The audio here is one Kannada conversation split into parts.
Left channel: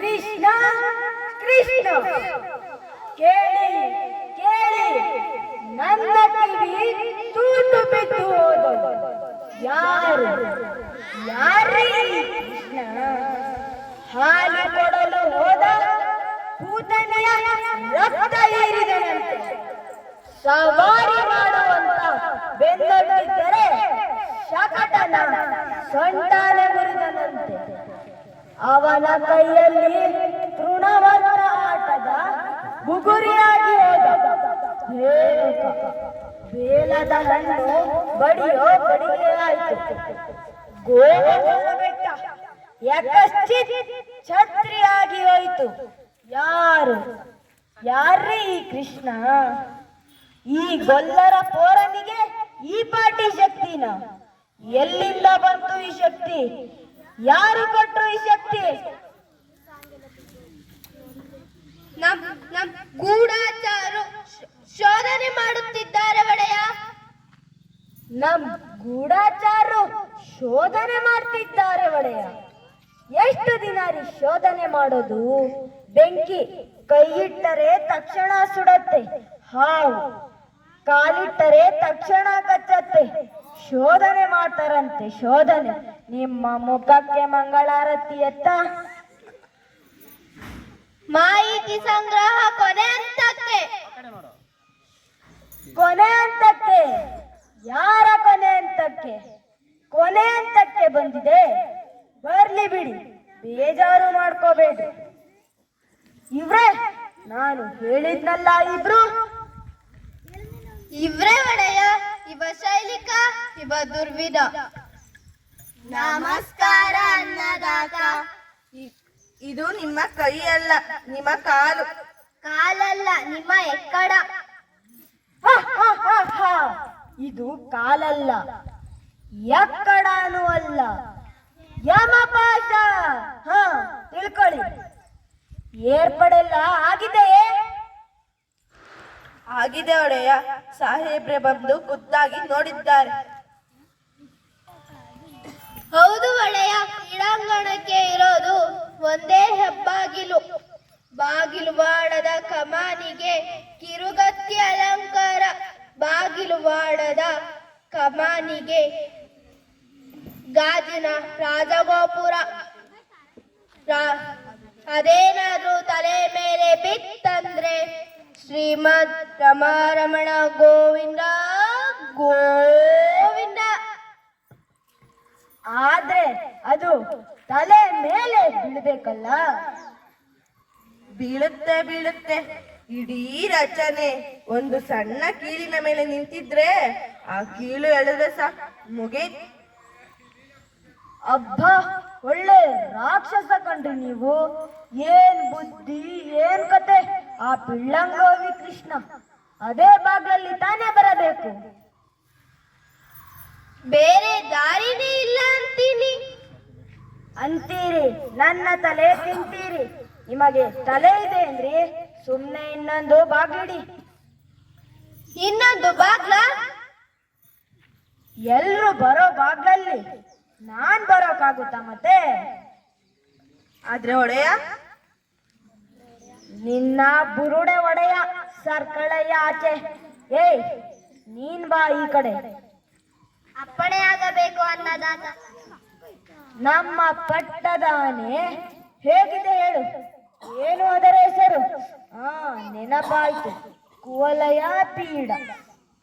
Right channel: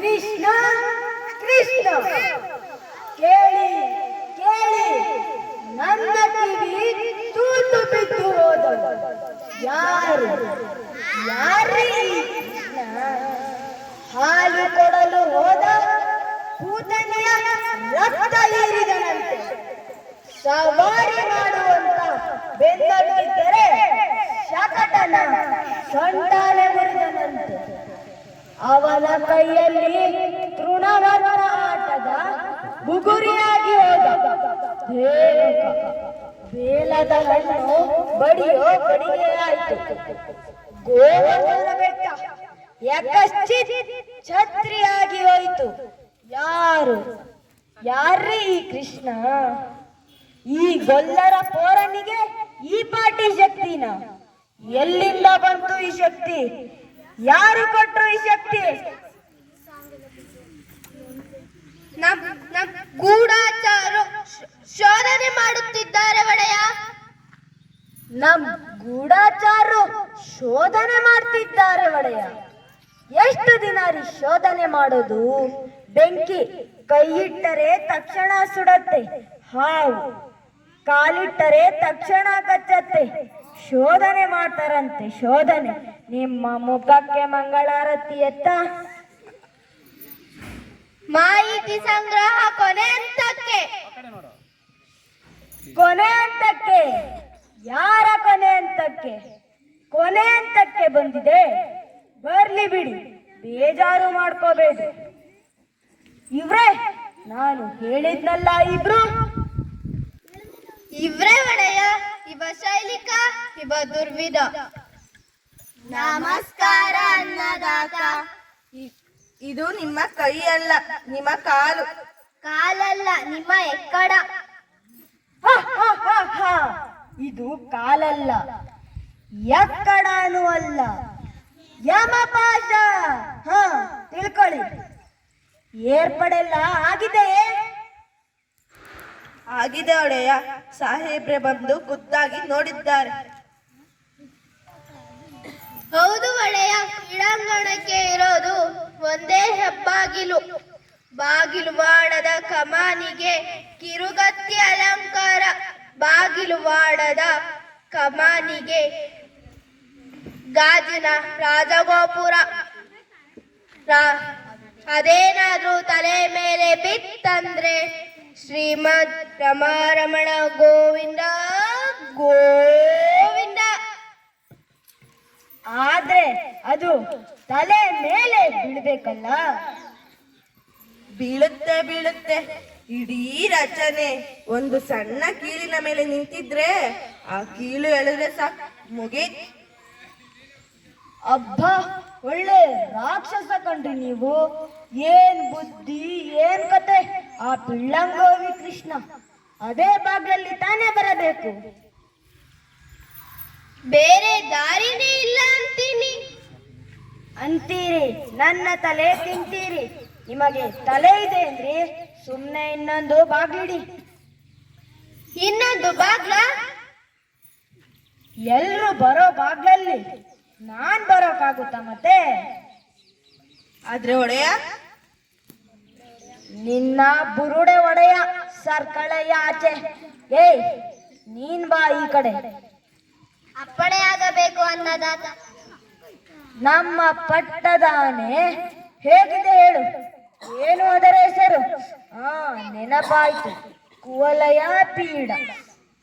ಕೃಷ್ಣ ಕೃಷ್ಣ. ಕೇಳಿ ಕೇಳಿ. ನನ್ನ ಕಿವಿ ತೂತು ಬಿದ್ದು ಹೋದವು ಯಾರು? ಯಾರೀ ಕೃಷ್ಣ? ಹಾಲು ಕೊಡಲು ಹೋದ ಕೂತನೆಯ ರಕ್ತ ಏರಿದನಂತೆ ಸವಾರಿ ಮಾಡುವಂತ ಬೆಂದಗಿದ್ದರೆ ಶಕಟನ ಸೊಂಟಾಲೆ ಮುರಿದನಂತೆ. ಅವನ ಕೈಯಲ್ಲಿ ತೃಣವರ್ಣ ಆಟದ ಬುಗುರಿಯಾಗಿ ಬೇಲದ ಹಣ್ಣು ಬಡಿಯೋ ಬಡಿಯಾಯಿತು ಗೋವರ್ಧನ ಬೆಟ್ಟ ಛತ್ರಿಯಾಗಿ ಹೋಯಿತು. ಯಾರು? ಯಾರೇ ಈ ಕೃಷ್ಣ? ಈ ಗೊಲ್ಲರ ಪೋರನಿಗೆ ಈ ಪಾಟಿ ಶಕ್ತಿನ? ಎಲ್ಲಿಂದ ಬಂತು ಈ ಶಕ್ತಿ? ಯಾರು ಕೊಟ್ಟರು ಈ ಶಕ್ತಿ? ನಮ್ ನಮ್ ಗೂಢಾಚಾರು ಶೋಧನೆ ಮಾಡುತ್ತಿದ್ದಾರೆ ಒಡೆಯ. ನಮ್ ಗೂಢಾಚಾರರು ಶೋಧನೆ ಮಾಡ್ತಿದ್ದಾರೆ ಒಡೆಯ. ಎಷ್ಟು ದಿನ ರೀ ಶೋಧನೆ ಮಾಡೋದು? ಬೆಂಕಿ ಕೈ ಇಟ್ಟರೆ ತಕ್ಷಣ ಸುಡತ್ತೆ. ಹಾವು ಕಾಲಿಟ್ಟರೆ ತಕ್ಷಣ ಕಚ್ಚತ್ತೆ. ಶೋಧನೆ ಮಾಡ್ತಾರಂತೆ ಶೋಧನೆ. ನಿಮ್ಮ ಮುಖಕ್ಕೆ ಮಂಗಳಾರತಿ ಎತ್ತ? ಮಾಹಿತಿ ಸಂಗ್ರಹ ಕೊನೆ ಹಂತಕ್ಕೆ. ಕೊನೆ ಹಂತಕ್ಕೆ? ಯಾರ ಕೊನೆ ಹಂತಕ್ಕೆ? ಕೊನೆ ಹಂತಕ್ಕೆ ಬಂದಿದೆ. ಬರ್ಲಿ ಬಿಡಿ ಬೇಜಾರು ಮಾಡ್ಕೋಬೇಡಿ. ಇವ್ರೇ ನಾನು ಹೇಳಿದ್ನಲ್ಲ ಇಬ್ರು? ಇವ್ರೇ ಒಡೆಯ. ಇವ ಶೈಲಿಕ ಇವ ದುರ್ವಿಧ. ನಮಸ್ಕಾರ ಅನ್ನದಾತ. ಇದು ನಿಮ್ಮ ಕೈ ಅಲ್ಲ ನಿಮ್ಮ ಕಾಲು. ಕಾಲಲ್ಲ ನಿಮ್ಮ ಎಕ್ಕಡ. ಹ, ಹ, ಹ, ಹ. ಇದು ಕಾಲಲ್ಲ ಎಕ್ಕಡನೂ ಅಲ್ಲ. ಯಮಪಾಶ ಹ ತಿಳ್ಕೊಳ್ಳಿ. ಏರ್ಪಡೆಲ್ಲ ಆಗಿದೆಯೇ ಆಗಿದೆ ಒಡೆಯ ಸಾಹೇಬ್ರೆ ಬಂದು ಖುದ್ದಾಗಿ ನೋಡಿದ್ದಾರೆ. ಹೌದು ಒಡೆಯ, ಕ್ರೀಡಾಂಗಣಕ್ಕೆ ಇರೋದು ಒಂದೇ ಹೆಬ್ಬಾಗಿಲು. ಬಾಗಿಲು ವಾಡದ ಕಮಾನಿಗೆ ಕಿರುಗತ್ತಿ ಅಲಂಕಾರ. ಬಾಗಿಲು ವಾಡದ ಕಮಾನಿಗೆ ಗಾಜಿನ ರಾಜಗೋಪುರ. ಅದೇನಾದ್ರೂ ತಲೆ ಮೇಲೆ ಬಿತ್ತಂದ್ರೆ ಶ್ರೀಮದ್ ರಮಾರಮಣ ಗೋವಿಂದ ಗೋವಿಂದ. ಆದ್ರೆ ಅದು ತಲೆ ಮೇಲೆ ಬೀಳ್ಬೇಕಲ್ಲ. ಬೀಳುತ್ತೆ ಬೀಳುತ್ತೆ. ಇಡೀ ರಚನೆ. ಒಂದು ಸಣ್ಣ ಕೀಲಿನ ಮೇಲೆ ನಿಂತಿದ್ರೆ ಆ ಕೀಳು ಎಳೆದ್ರೆ ಸಾಕು. ಮುಗೀತ್. ಅಬ್ಬ ಒಳ್ಳೆ ರಾಕ್ಷಸ ಕಂಡ್ರಿ ನೀವು. ಏನ್ ಬುದ್ಧಿ ಏನ್ ಕತೆ? ಆ ಪಿಳ್ಳಂಗೋವಿ ಕೃಷ್ಣ. ಅದೇ ಬಾಗ್ಲಲ್ಲಿ ತಾನೇ ಬರಬೇಕು. ಬೇರೆ ದಾರಿನೇ ಇಲ್ಲ ಅಂತೀನಿ. ಅಂತೀರಿ ನನ್ನ ತಲೆ ತಿಂತೀರಿ. ನಿಮಗೆ ತಲೆ ಇದೆ ಅಂದ್ರೆ ಸುಮ್ಮನೆ ಇನ್ನೊಂದು ಬಾಗ್ಲಿಡಿ. ಇನ್ನೊಂದು ಬಾಗ್ಲ? ಎಲ್ರು ಬರೋ ಬಾಗ್ಲಲ್ಲಿ. ನಾನ್ ಬರೋಕ್ಕಾಗುತ್ತಾ ಮತ್ತೆ? ಆದ್ರೆ ಒಡೆಯ? ನಿನ್ನ ಬುರುಡೆ ಒಡೆಯ ಸರ್ಕಳಯ್ಯ ಆಚೆ. ಏಯ್ ನೀನ್ ಬಾ ಈ ಕಡೆ. ಅಪ್ಪಣೆಯಾಗಬೇಕು ಅನ್ನದಾತ. ನಮ್ಮ ಪಟ್ಟದಾನೆ ಹೇಗಿದೆ ಹೇಳು? ಏನು ಅದರ ಹೆಸರು? ಆ ನೆನಪಾಯ್ತು. ಕುವಲಯ ಪೀಡ.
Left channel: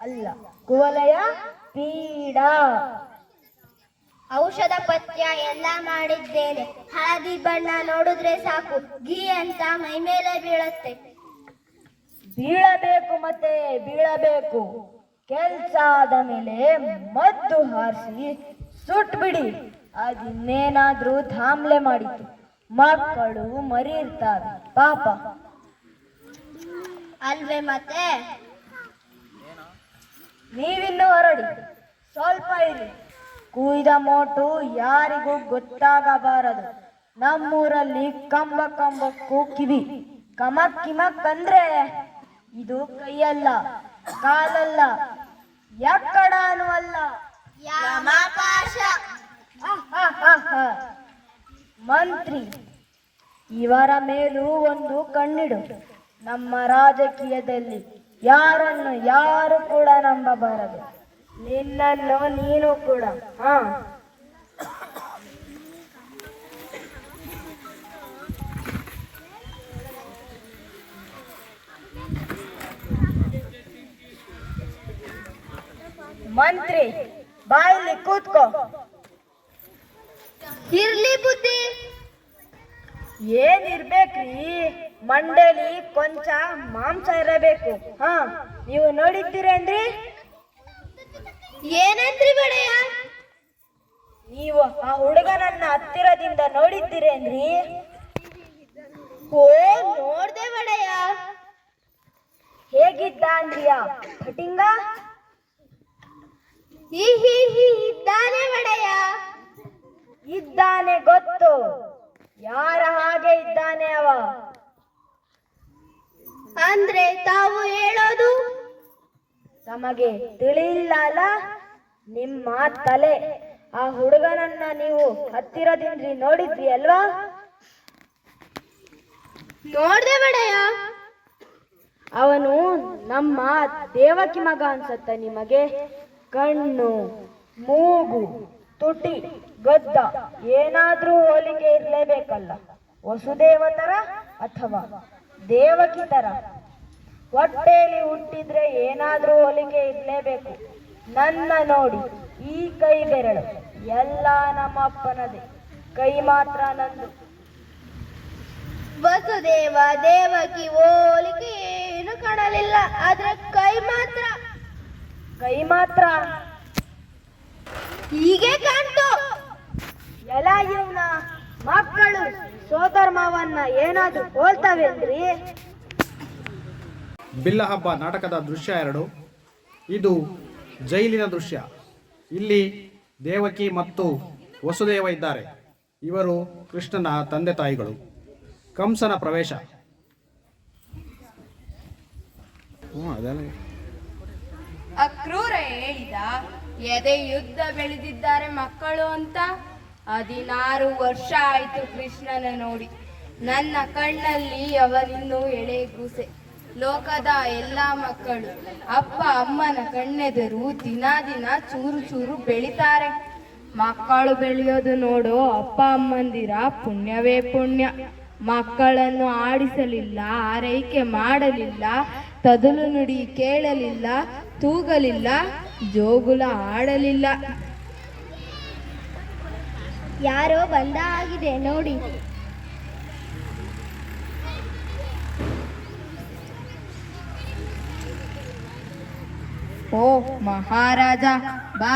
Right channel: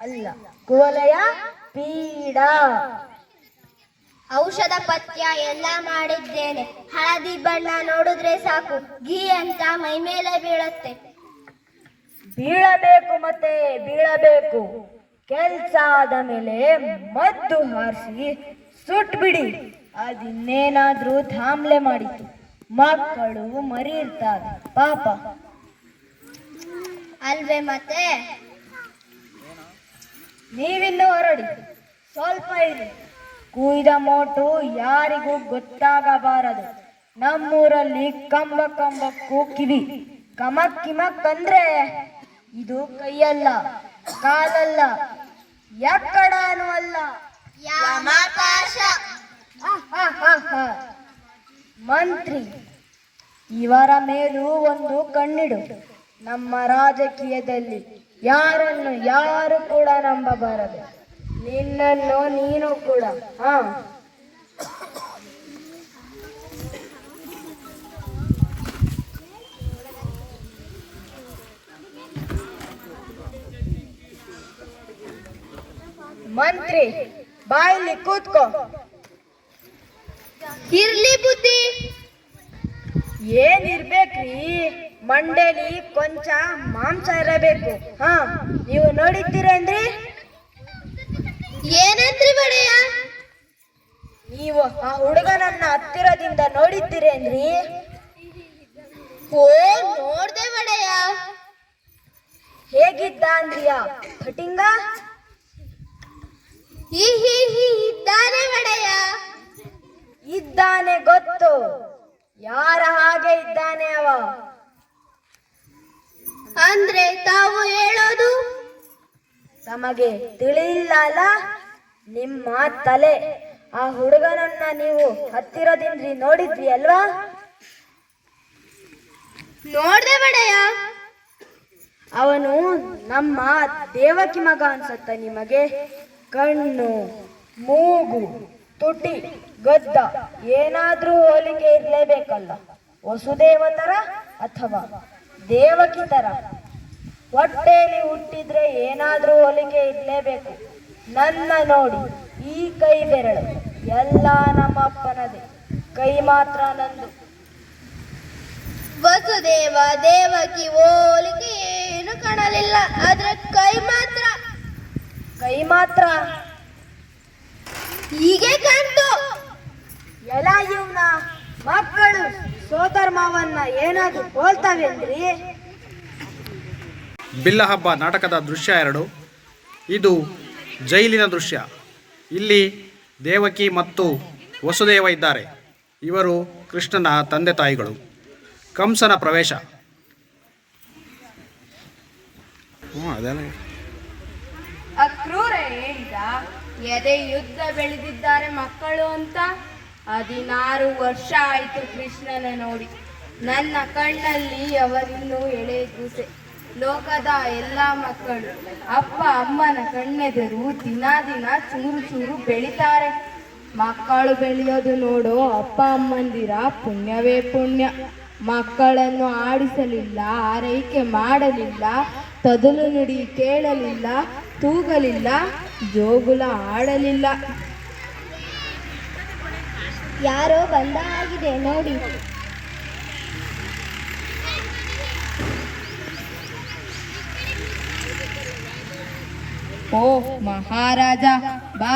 ಅಲ್ಲ ಕುವಲಯ ಪೀಡ. ಔಷಧ ಪಥ್ಯ ಎಲ್ಲ ಮಾಡಿದ್ದೇನೆ. ಹಳದಿ ಬಣ್ಣ ನೋಡಿದ್ರೆ ಸಾಕು. ಘೀ ಅಂತ ಮೈ ಮೇಲೆ ಬೀಳತ್ತೆ. ಬೀಳಬೇಕು ಮತ್ತೆ ಬೀಳಬೇಕು. ಕೆಲ್ಸ ಆದ ಮೇಲೆ ಮದ್ದು ಹಾರಿಸಿ ಸುಟ್ಬಿಡಿ. ಅದಿನ್ನೇನಾದ್ರೂ ಧಾಮ್ಲೆ ಮಾಡಿತು. ಮಕ್ಕಳು ಮರಿ ಇರ್ತಾರೆ ಪಾಪ. ಅಲ್ವೇ ಮತ್ತೆ? ನೀವಿನ್ನೂ ಹೊರಡಿ. ಸ್ವಲ್ಪ ಇರಿ. ಕುಯ್ದ ಮೋಟು ಯಾರಿಗೂ ಗೊತ್ತಾಗಬಾರದು. ನಮ್ಮೂರಲ್ಲಿ ಕಂಬ ಕಂಬಕ್ಕೂ ಕಿವಿ ಕಮಕ್ ಕಿಮಕ್ ಅಂದ್ರೆ ಇದು ಕೈಯಲ್ಲ ಕಾಲಲ್ಲ ಎಕ್ಕಡನೂ ಅಲ್ಲ. ಮಂತ್ರಿ ಇವರ ಮೇಲೂ ಒಂದು ಕಣ್ಣಿಡು. ನಮ್ಮ ರಾಜಕೀಯದಲ್ಲಿ ಯಾರನ್ನು ಯಾರು ಕೂಡ ನಂಬಬಾರದು. ನಿನ್ನನ್ನು ನೀನು ಕೂಡ ಹಾ. ಮಂತ್ರಿ ಬಾಯಲ್ಲಿ ಕೂತ್ಕೋ. ಇರ್ಲಿ ಬುದ್ಧಿ. ಏನಿರ್ಬೇಕ್ರಿ ಮಂಡೇಲಿ ಕೊಂಚ ಮಾಂಸ ಇರಬೇಕು ಹಾ. ನೀವು ನೋಡಿದ್ದೀರೇನ್ರಿ? ಏನಂದ್ರಿ ಬಡೆಯ ನೀವು ಆ ಹುಡುಗನನ್ನ ಹತ್ತಿರದಿಂದ ನೋಡಿದ್ದೀರೇನ್ರಿ ಓ ನೋಡ್ದೆ ಬಡೆಯ ಹೇಗಿದ್ದ ಅಂದ್ರಿಯ ಕಟಿಂಗ ಹಿ ಹಿ ಹಿ ಇದ್ದಾನೆ ಬಡಯ್ಯ. ಇದ್ದಾನೆ ಗೊತ್ತು. ಯಾರ ಹಾಗೆ ಇದ್ದಾನೆ ಅವ? ಅಂದ್ರೆ ತಾವು ಹೇಳೋದು? ತಮಗೆ ತಿಳಿಯಿಲ್ಲ ಅಲ್ಲ ನಿಮ್ಮ ತಲೆ. ಆ ಹುಡುಗನನ್ನ ನೀವು ಹತ್ತಿರದಿಂದ ನೋಡಿದ್ರಿ ಅಲ್ವಾ? ನೋಡ್ದೆ ಬಡೆಯ ಅವನು ನಮ್ಮ ದೇವಕಿ ಮಗ ಅನ್ಸತ್ತ ನಿಮಗೆ. ಕಣ್ಣು ಮೂಗು ತುಟಿ ಗದ್ದ ಏನಾದ್ರೂ ಹೋಲಿಕೆ ಇರ್ಲೇಬೇಕಲ್ಲ. ವಸುದೇವ ತರ ಅಥವಾ ದೇವಕಿ ತರ? ಹೊಟ್ಟೆಯಲ್ಲಿ ಹುಟ್ಟಿದ್ರೆ ಏನಾದ್ರೂ ಹೊಲಿಗೆ ಇರಲೇಬೇಕು. ನನ್ನ ನೋಡಿ ಈ ಕೈ ಬೆರಳು ಎಲ್ಲ ನಮ್ಮಪ್ಪನದೇ. ಕೈ ಮಾತ್ರ ನಂದು. ವಸುದೇವ ದೇವಕಿ ಹೋಲಿಕೆ ಏನು ಕಾಣಲಿಲ್ಲ. ಆದ್ರೆ ಕೈ ಮಾತ್ರ. ಕೈ ಮಾತ್ರ. ಹೀಗೆ ಕಾಣ್ತು. ಎಲ್ಲ ಇವನ ಮಕ್ಕಳು ಸೋದರ ಮಾವನ್ನ ಹೋಲ್ತವೆ ಹೋಲ್ತಾವೇನ್ರಿ? ಬಿಲ್ಲ ಹಬ್ಬ ನಾಟಕದ ದೃಶ್ಯ ಎರಡು. ಇದು ಜೈಲಿನ ದೃಶ್ಯ. ಇಲ್ಲಿ ದೇವಕಿ ಮತ್ತು ವಸುದೇವ ಇದ್ದಾರೆ. ಇವರು ಕೃಷ್ಣನ ತಂದೆ ತಾಯಿಗಳು. ಕಂಸನ ಪ್ರವೇಶ. ಅಕ್ರೂರ ಹೇಳಿದ ಎದೆ ಯುದ್ಧ ಬೆಳೆದಿದ್ದಾರೆ ಮಕ್ಕಳು ಅಂತ? ಹದಿನಾರು ವರ್ಷ ಆಯಿತು ಕೃಷ್ಣನ ನೋಡಿ. ನನ್ನ ಕಣ್ಣಲ್ಲಿ ಅವರಿನ್ನೂ ಎಳೆ ಗೂಸೆ ಲೋಕದ ಎಲ್ಲ ಮಕ್ಕಳು, ಅಪ್ಪ, ಅಮ್ಮನ ಕಣ್ಣೆದರು ದಿನ ದಿನ ಚೂರು ಚೂರು ಬೆಳಿತಾರೆ. ಮಕ್ಕಳು ಬೆಳೆಯೋದು ನೋಡು, ಅಪ್ಪ ಅಮ್ಮಂದಿರ ಪುಣ್ಯವೇ ಪುಣ್ಯ. ಮಕ್ಕಳನ್ನು ಆಡಿಸಲಿಲ್ಲ, ಆರೈಕೆ ಮಾಡಲಿಲ್ಲ, ತದಲು ನುಡಿ ಕೇಳಲಿಲ್ಲ, ತೂಗಲಿಲ್ಲ, ಜೋಗುಲ ಆಡಲಿಲ್ಲ. ಯಾರೋ ಬಂದ ಆಗಿದೆ, ನೋಡಿ. ಓ ಮಹಾರಾಜ ಬಾ.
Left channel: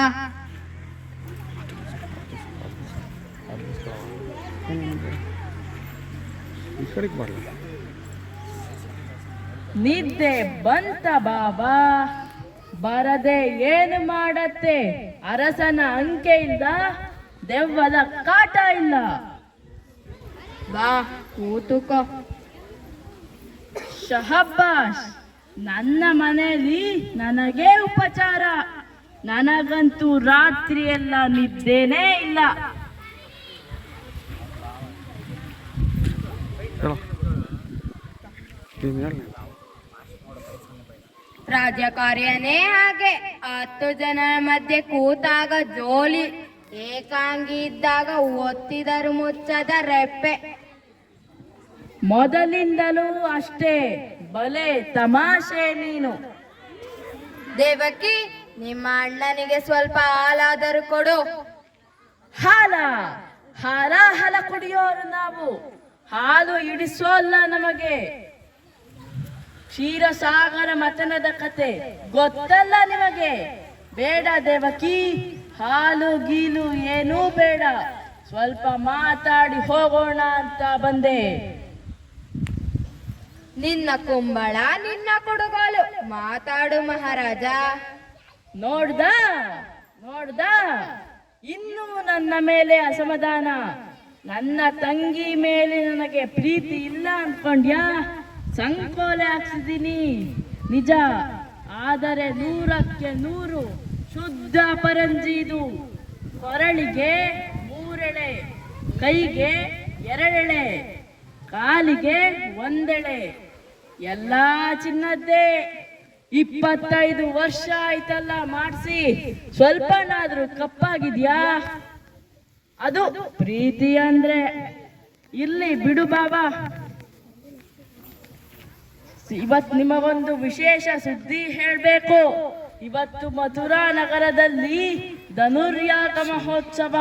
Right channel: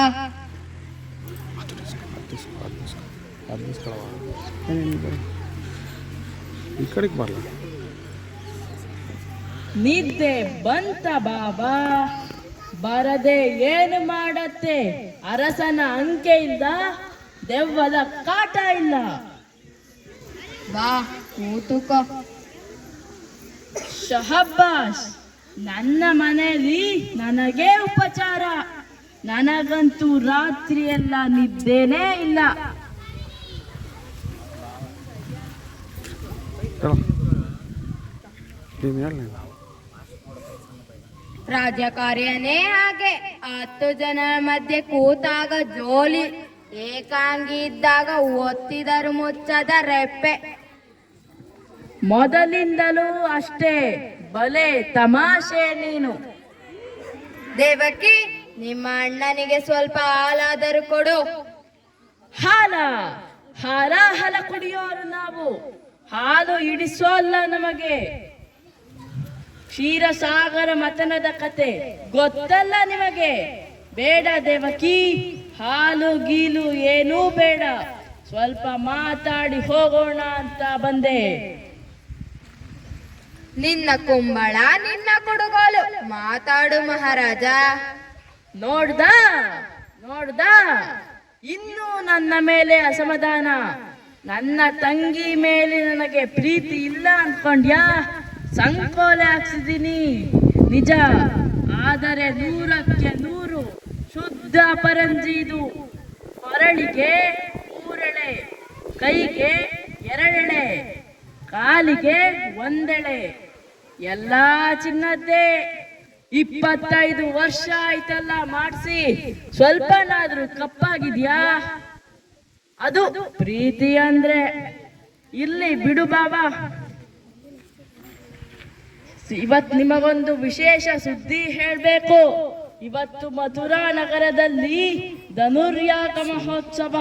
ನಿದ್ದೆ ಬಂತ ಬಾಬಾ. ಬರದೆ ಏನು ಮಾಡತ್ತೆ? ಅರಸನ ಅಂಕೆ ಇಲ್ಲ ದೆವ್ವದ ಕಾಟ ಇಲ್ಲ. ಬಾ ಕೂತುಕೋ ಶಹಬ್ಬಾಸ್ ನನ್ನ ಮನೆಯಲ್ಲಿ ನನಗೆ ಉಪಚಾರ. ನನಗಂತೂ ರಾತ್ರಿ ಎಲ್ಲ ನಿದ್ದೇನೇ ಇಲ್ಲ. ರಾಜಕಾರ್ಯನೇ ಹಾಗೆ. ಹತ್ತು ಜನ ಮಧ್ಯೆ ಕೂತಾಗ ಜೋಲಿ. ಏಕಾಂಗಿ ಇದ್ದಾಗ ಒತ್ತಿದರು ಮುಚ್ಚದ ರೆಪ್ಪೆ. ಮೊದಲಿಂದಲೂ ಅಷ್ಟೇ. ಬಲೆ ತಮಾಷೆ ನೀನು. ದೇವಕಿ ನಿಮ್ಮ ಅಣ್ಣನಿಗೆ ಸ್ವಲ್ಪ ಹಾಲಾದರೂ ಕೊಡು. ಹಾಲ ಹಾಲ ಹಾಲ ಕುಡಿಯೋರು ನಾವು. ಹಾಲು ಇಡಿಸೋಲ್ಲ ನಮಗೆ. ಕ್ಷೀರಸಾಗರ ಮತನದ ಕತೆ ಗೊತ್ತಲ್ಲ ನಿಮಗೆ. ಬೇಡ ದೇವಕಿ ಹಾಲು ಗೀಲು ಏನೂ ಬೇಡ. ಸ್ವಲ್ಪ ಮಾತಾಡಿ ಹೋಗೋಣ ಅಂತ ಬಂದೆ. ನಿನ್ನ ಕುಂಬಳ, ನಿನ್ನ ಕೊಡುಗೋಲು. ಮಾತಾಡು ಮಹಾರಾಜ. ನೋಡ್ದ? ನೋಡ್ದ? ಇನ್ನೂ ನನ್ನ ಮೇಲೆ ಅಸಮಾಧಾನ. ನನ್ನ ತಂಗಿ ಮೇಲೆ ನನಗೆ ಪ್ರೀತಿ ಇಲ್ಲ ಅನ್ಕೊಂಡ್ಯಾ ಸಂಕೋಲೆ ಹಾಕ್ಸಿದೀನಿ ನಿಜ, ಆದರೆ ನೂರಕ್ಕೆ ನೂರು ಶುದ್ಧ ಪರಂಜಿ ಇದು. ಕೊರಳಿಗೆ ಮೂರೆಳೆ, ಕೈಗೆ ಎರಡೆಳೆ. ಕಾಲಿಗೆ ಒಂದೆಳೆ. ಎಲ್ಲ ಚಿನ್ನದ್ದೇ. ಇಪ್ಪತ್ತೈದು ವರ್ಷ ಆಯ್ತಲ್ಲ ಮಾಡಿಸಿ. ಸ್ವಲ್ಪನಾದ್ರೂ ಕಪ್ಪಾಗಿದ್ಯಾ? ಅದು ಪ್ರೀತಿ ಅಂದ್ರೆ. ಇಲ್ಲಿ ಬಿಡು ಬಾಬಾ ಇವತ್ ನಿಮಗೊಂದು ವಿಶೇಷ ಸುದ್ದಿ ಹೇಳ್ಬೇಕು. ಇವತ್ತು ಮಥುರಾ ನಗರದಲ್ಲಿ ಧನುರ್ಯಾಗ ಮಹೋತ್ಸವ.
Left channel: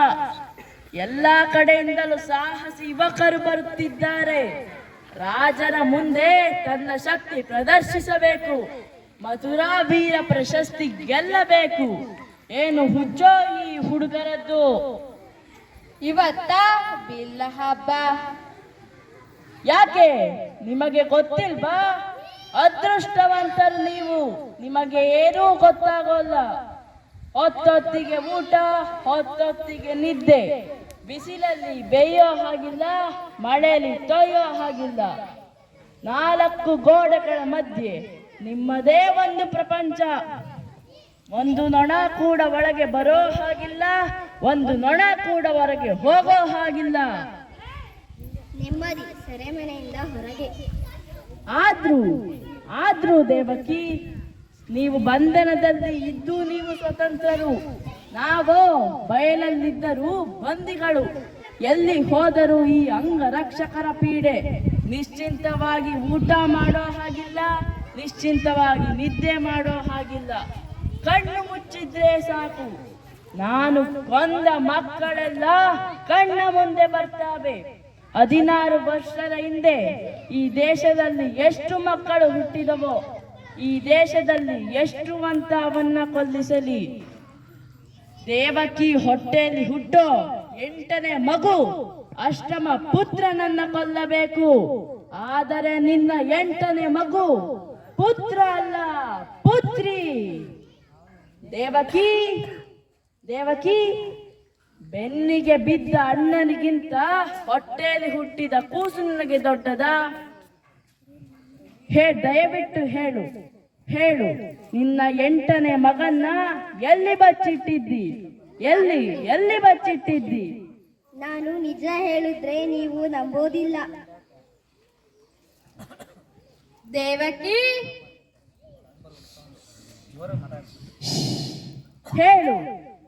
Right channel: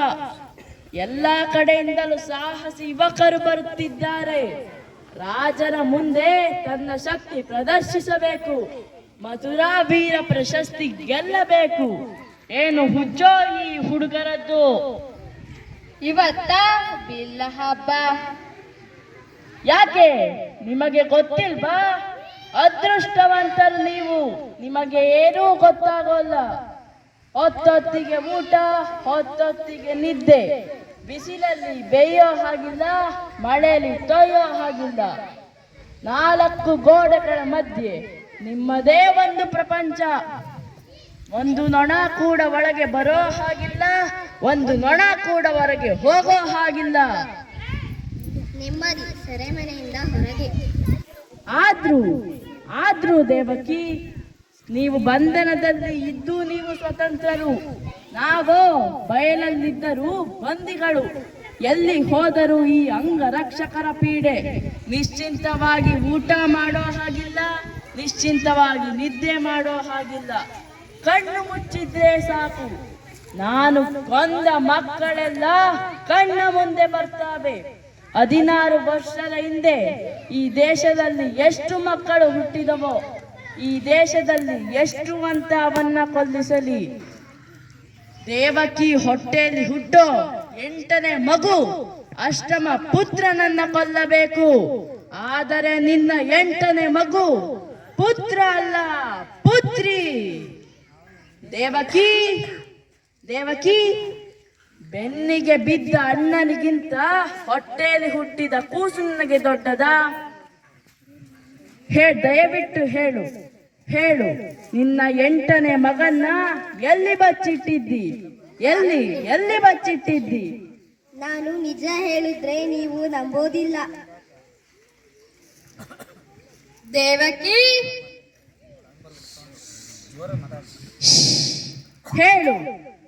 ಎಲ್ಲ ಕಡೆಯಿಂದಲೂ ಸಾಹಸಿ ಯುವಕರು ಬರುತ್ತಿದ್ದಾರೆ. ರಾಜನ ಮುಂದೆ ತನ್ನ ಶಕ್ತಿ ಪ್ರದರ್ಶಿಸಬೇಕು. ಮಥುರಾ ವೀರ ಪ್ರಶಸ್ತಿ ಗೆಲ್ಲಬೇಕು. ಏನು ಹುಚ್ಚೋ ಈ ಹುಡುಗರದ್ದು? ಇವತ್ತ ಬಿಲ್ಲ ಹಬ್ಬ. ಯಾಕೆ? ನಿಮಗೆ ಗೊತ್ತಿಲ್ವಾ? ಅದೃಷ್ಟವಂತರು ನೀವು. ನಿಮಗೆ ಏನೂ ಗೊತ್ತಾಗೋಲ್ಲ. ಹೊತ್ತೊತ್ತಿಗೆ ಊಟ ಹೊತ್ತೊತ್ತಿಗೆ ನಿದ್ದೆ. ಬಿಸಿಲಲ್ಲಿ ಬೇಯೋ ಹಾಗಿಲ್ಲ ಮಳೆಯಲ್ಲಿ ತೊಯ್ಯೋ ಹಾಗಿಲ್ಲ. ನಾಲ್ಕು ಗೋಡೆಗಳ ಮಧ್ಯೆ ನಿಮ್ಮದೇ ಒಂದು ಪ್ರಪಂಚ. ಒಂದು ನೊಣ ಕೂಡ ಒಳಗೆ ಬರೋ ಹಾಗಿಲ್ಲ ಒಂದು ನೊಣ ಕೂಡ ಹೊರಗೆ ಹೋಗೋ ಹಾಗಿಲ್ಲ. ನೆಮ್ಮದಿ ಸೆರೆಮನೆಯಿಂದ ಹೊರಗೆ. ಆದ್ರೂ ಆದ್ರೂ ದೇವಕಿ ನೀವು ಬಂಧನದಲ್ಲಿ ಇದ್ದು ನೀವು ಸ್ವತಂತ್ರರು. ನಾವು ಬಯಲಲ್ಲಿದ್ದರೂ ಬಂದಿಗಳು ಎಲ್ಲಿ ಹೋದರೂ ಈ ಅಂಗರಕ್ಷಕರ ಪೀಡೆ. ನಿಶ್ಚಿಂತವಾಗಿ ಊಟ ಮಾಡೋ ಹಾಗಿಲ್ಲ, ನಿಶ್ಚಿಂತವಾಗಿ ನಿದ್ದೆ ಮಾಡೋ ಹಾಗಿಲ್ಲ. ಕಣ್ಣು ಮುಚ್ಚಿದ್ರೆ ಸಾಕು. ನಾನು ಕೊಂದ ಮಕ್ಕಳೆಲ್ಲ ಕಣ್ಣ ಮುಂದೆ ಬರ್ತಾವೆ. ಹದಿನಾರು ವರ್ಷದ ಹಿಂದೆ ಈ ದೇಶದಲ್ಲಿ ಎಷ್ಟು ಮಕ್ಕಳು ಹುಟ್ಟಿದವೋ. ಈ ದೇಶದಲ್ಲಿ ಎಷ್ಟು ಅಂತ ಅವನ್ನ ಕೊಲ್ಲಿಸಲಿ? ದೇವಕಿ ಹೊಟ್ಟೆಯಲ್ಲಿ ಹುಟ್ಟೋ ಎಂಟನೇ ಮಗು ಅಷ್ಟಮ ಪುತ್ರನನ್ನ ಕೊಲ್ಲಬೇಕು. ಆದರೆ ನಿನ್ನ ಎಂಟನೇ ಮಗು ಪುತ್ರ ಅಲ್ಲ, ಪುತ್ರಿ. ದೇವಕಿ ದೇವಕಿ, ಬೆನ್ನಿಗೆ ಬಿದ್ದ ಅಣ್ಣನಿಗಿಂತ ಹೊಟ್ಟೆಯಲ್ಲಿ ಹುಟ್ಟಿದ ಕೂಸು ನನಗೆ ದೊಡ್ಡದ? ಹೇ, ದಯವಿಟ್ಟು ಹೇಳು. ಹೇಳು ನಿನ್ನ ಎಂಟನೇ ಮಗನ್ನ ಎಲ್ಲಿ ಬಚ್ಚಿಟ್ಟಿದ್ದಿ? ಎಲ್ಲಿ ಎಲ್ಲಿ ಬಚ್ಚಿಟ್ಟಿದ್ದಿ? ನಾನು ನಿಜ ಹೇಳಿದ್ರೆ ನೀವು ನಂಬೋದಿಲ್ಲ. ದೇವಕಿ! ಹೇಳು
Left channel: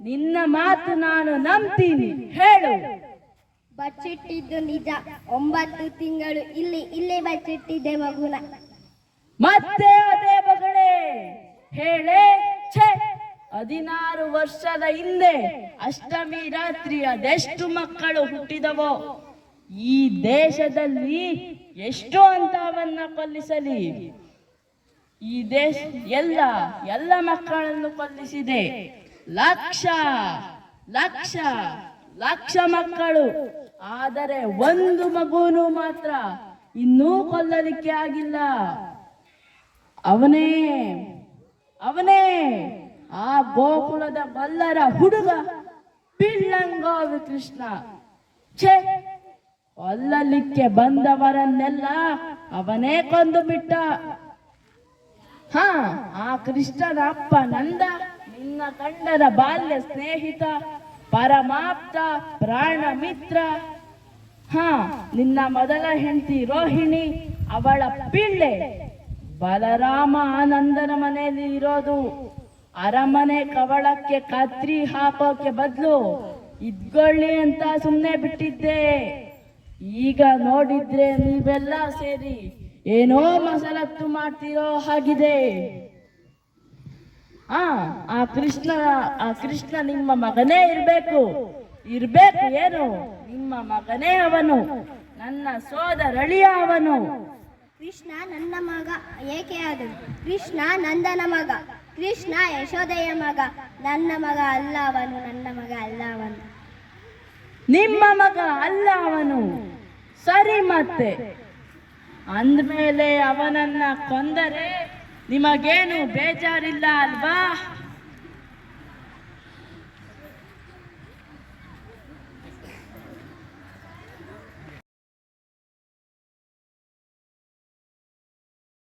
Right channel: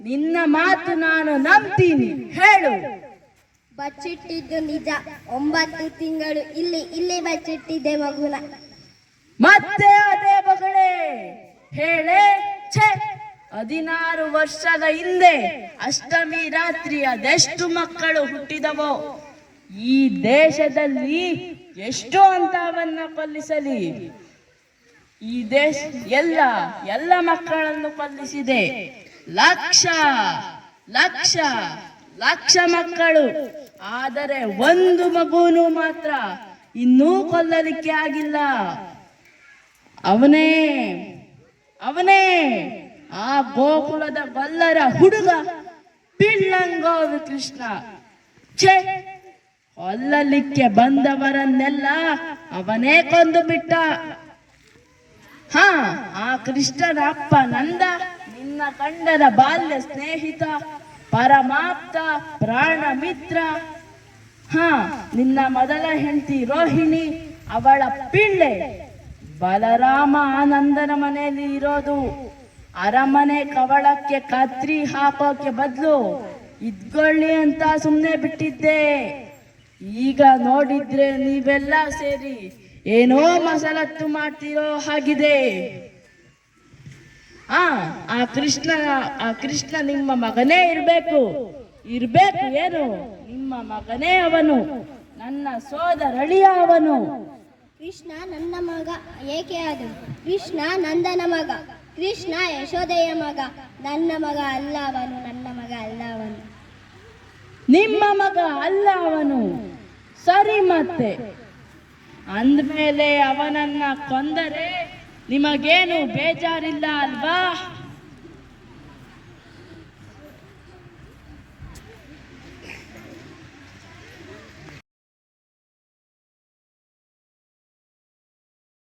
ನಿನ್ನ ಮಾತು ನಾನು ನಂಬ್ತೀನಿ. ಹೇಳು. ಬಚ್ಚಿಟ್ಟಿದ್ದು ನಿಜ. ಒಂಬತ್ತು ತಿಂಗಳು ಇಲ್ಲಿ ಇಲ್ಲಿ ಬಚ್ಚಿಟ್ಟಿದ್ದೆ ಮಗುನ. ಮತ್ತೆ ಅದೇ ಹೇಳೆ ಛೆ. ಹದಿನಾರು ವರ್ಷದ ಹಿಂದೆ ಅಷ್ಟಮಿ ರಾತ್ರಿ ಅದೆಷ್ಟು ಮಕ್ಕಳು ಹುಟ್ಟಿದವೋ? ಈ ದೇಶದಲ್ಲಿ ಎಷ್ಟು ಅಂತವನ್ನ ಕೊಲ್ಲಿಸಲಿ. ಈ ದೇಶ ಎಲ್ಲ ಎಲ್ಲ ಮಕ್ಕಳನ್ನು ಕೊಲ್ಲಿಸಿದೆ. ಲಕ್ಷ ಲಕ್ಷ ಲಕ್ಷ ಮಕ್ಕಳು. ಆದರೆ ಒಂದು ಮಗುನು ಮಾತ್ರ ಇನ್ನೂ ಕೊಲ್ಲಲಿಕ್ಕೆ ಆಗಿಲ್ಲ. ಅವನೇ ಅವನೇ, ಆ ಗೋಕುಲದ ಬಲ್ಲರ ಹುಡುಗ ಪಿಳ್ಳಂಗೋವಿ ಕೃಷ್ಣ. ಛೇ, ಕೊಲ್ಲಲಿಕ್ಕೆ ಬಂದವರನ್ನೆಲ್ಲ ಅವನೇ ಕೊಂದು ಬಿಟ್ಟ. ಹಾ, ಆ ಕೃಷ್ಣನ ಅಪ್ಪ ನಂದ, ನಿನ್ನ ಕಂಡದ ಬಾಲ್ಯ ಸ್ನೇಹಿತ ಪರಮಾಪ್ತ ಪ್ರಾಣ ಮಿತ್ರ ಹಾ, ನಿನ್ನ ಮೊದಲ ಹೆಂಡತಿ ರೋಹಿಣಿ, ಅವಳ ಪಿಳ್ಳೆ. ಬಲರಾಮ ಆನಂದನ ಮನೆಯಲ್ಲಿ ಇರೋದು. ಅರಮನೆ ಕವಳಕ್ಕೆ ಕತ್ರಿ ಹಾಕೋಕೆ ಬದಲು ಇದ್ಕೊಳ್ಳಿ ಅಂತ ಸುಮ್ಮನೆ ಬಿಟ್ಟಿದ್ದೆ. ಈಗ ನೋಡಿದ್ರೆ ನೀವೆಲ್ಲ ಸೇರಿ ಏನೋ ಮಸಲತ್ತು ಮಾಡ್ತಿರೋ ಹಾಗಿದೆ. ಆ ಆ ಕೃಷ್ಣ ಆ ಕೃಷ್ಣ ನಿಮ್ಮ ಮಗನೇ ಇರಬೇಕು. ಇರ್ಬೇಕು ಏನು? ನಿಮ್ಮ ಮಗನೇ ಅವನು. ನನ್ನ ಸೋದರಳಿಯ ಅವನು. ಕೃಷ್ಣ ನನ್ನ ಮಗ, ಏಕೆ ಆದರು ಕೃಷ್ಣ ನಂದನ ಮಗ, ಕೃಷ್ಣ ಯಶೋದೆಯ ಮಗ, ನನ್ನ ಮಗ ಅಲ್ಲ ಅವನು, ನನ್ನ ಮಗ ಅಲ್ಲ ಅವನು. ನಿಮ್ಮ ಮಗ ಅಲ್ಲ ಅವನು. ಸರಿ ಮತ್ತೆ. ಅಂದ್ಮೇಲೆ ಅವನನ್ನ ಕೊಂದರೆ ನಿಮಗೇನು ಬೇಜಾರಿಲ್ಲ ಅಲ್ವಾ?